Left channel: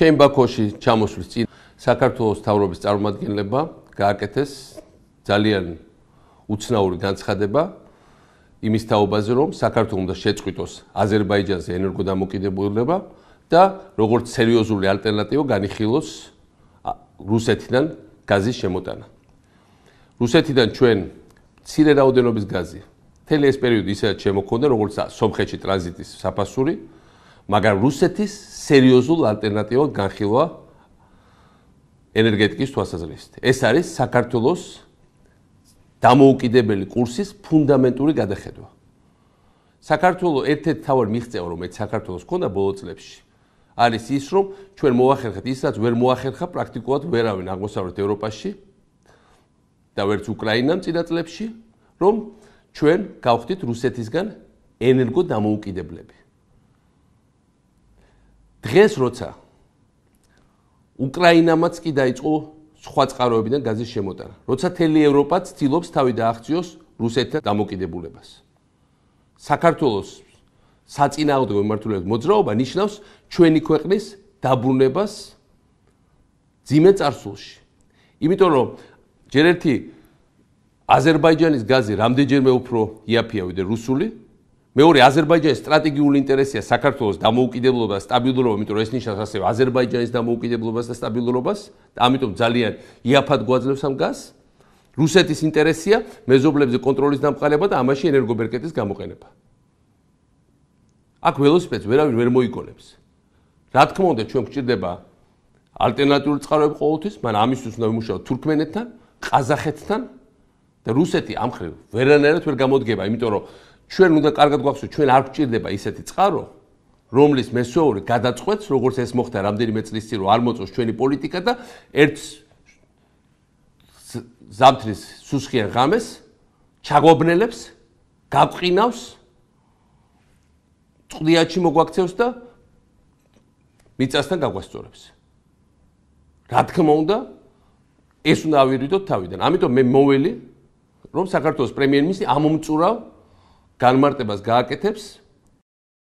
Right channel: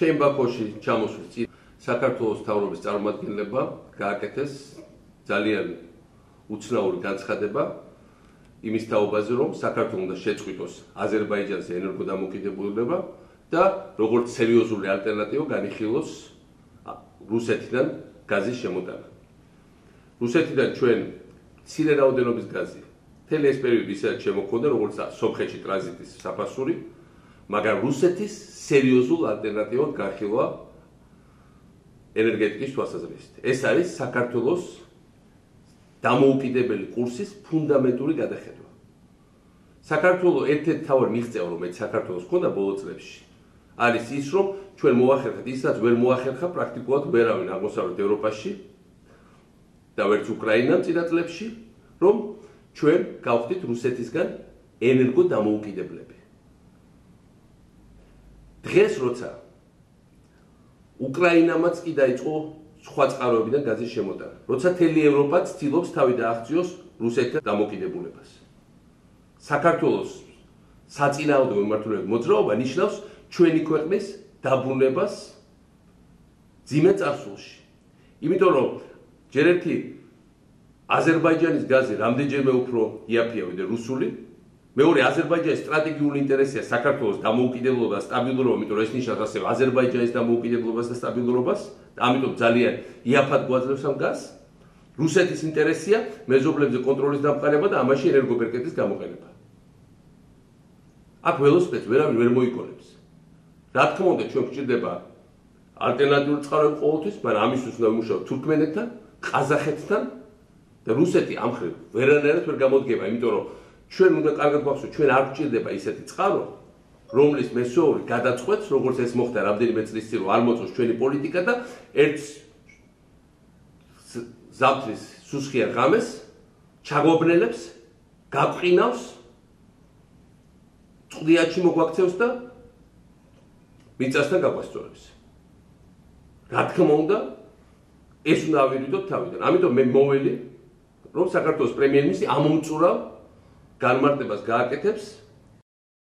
ჩემ ბაქოში ჩამოსვლის წინ საქართველოს მთავრობის წარმომადგენლებმა გააკეთეს ძალიან უცნაური განცხადება იმის თაობაზე, რომ საქართველოს უნდა შეწყვიტოს აზერბაიჯანზე ენერგოდამოკიდებულება და როგორც სერიოზული ალტერნატივა განიხილოს რუსეთიდან გაზის შემოტანა. რუსეთიდან ჩვენ მცირე რაოდენობის გაზი მთელი ეს პერიოდი ისედაც შემოქონდა, როგორც სომხეთში ტრანზიტის საფასური, მაგრამ რუსეთის სერიოზულ ალტერნატივად განხილვა ენერგეტიკის თვალსაზრისით. ეს არის საქართველოს დამოუკიდებელი კურსის ფუნდამენტური გადახედვა. საქართველოს ერთ-ერთი თავი მიღწევა, რომელიც საქართველოს ჰქონდა ბოლო წლებში, არის ის, რომ ჩვენ მოახერხეთ ისაც ვერ მოახერხა პრაქტიკულად ვერავინ აღმოსავლეთ ევროპაში და ვერც უკრაინამ წინა წლებში, რომ ჩვენ გავხდით რუსეთისგან ენერგო დამოუკიდებლები. დღეს როცა უკრაინამაც კი დაიწყო სხვა წყაროებიდან გაზის შემოტანა, როცა მთელი ევროპა ცდილობს თავი დააღწიოს რუსეთთან დამოკიდებულებას. საქართველოს საწინააღმდეგო მიმართულებით მოძრაობა ნიშნავს ჩვენი ქვეყნის დაბრუნებას ძიმე წარსულში. იმიტომ რომ ჯერ ერთი აზერბაიჯანის გაზი რამდენჯერმე უფრო იაფია ვიდრე რუსული, მეორე აზერბაიჯანის სტრატეგიული ინტერესია საქართველოს დამოუკიდებლობა და სტაბილურობა, იმიტომ რომ ეს ნიშნავს ასევე აზერბაიჯანის დამოუკიდებლობას და სტაბილურობას, და ამიტომ ძალიან იაფად გვაძლევს ამ გაზს. რუსეთის ინტერესია მეზობლებზე კონტროლის დამყარება და ამაში ენერგობერკეტის გამოყენება. აქ ველოსიპედს ვერავინ ვერ მოიგონებს. რა თქმა უნდა, ჩვენ გვჭირდება ალტერნატიული წყაროები ყოველთვის, მაგრამ ამისთვის უნდა ვიმუშაოთ თურქმენეთთან, ყაზახეთთან და რუსეთი ამ მხრივ ვერანაირად ვერ გამოდგება, იმიტომ რომ ჩვენ უნდა კარგად გვახსოვოთ, ჩვენ არ გვჭირდება ისეთი წყარო, რომლის მესვეური გადაწყვეტს, როგორც ეს მოხდა რამდენიმე წლის წინ, რომ არ მოწოს ჩვენი პოლიტიკა და ერთ ზამთრის სუსხიან ღამეს ჩაგვაბნელებს, გაბყინავს, წყდიათში მოგვაქცევს და მიწასთან გაგვასწორებს. რა თქმა უნდა, ეს უნდა ავირიდოთ თავიდან. ამიტომ მე მოველი, რომ საქართველოს პრემიერ-მინისტრი ამომწურავ განმარტებას გააკეთებს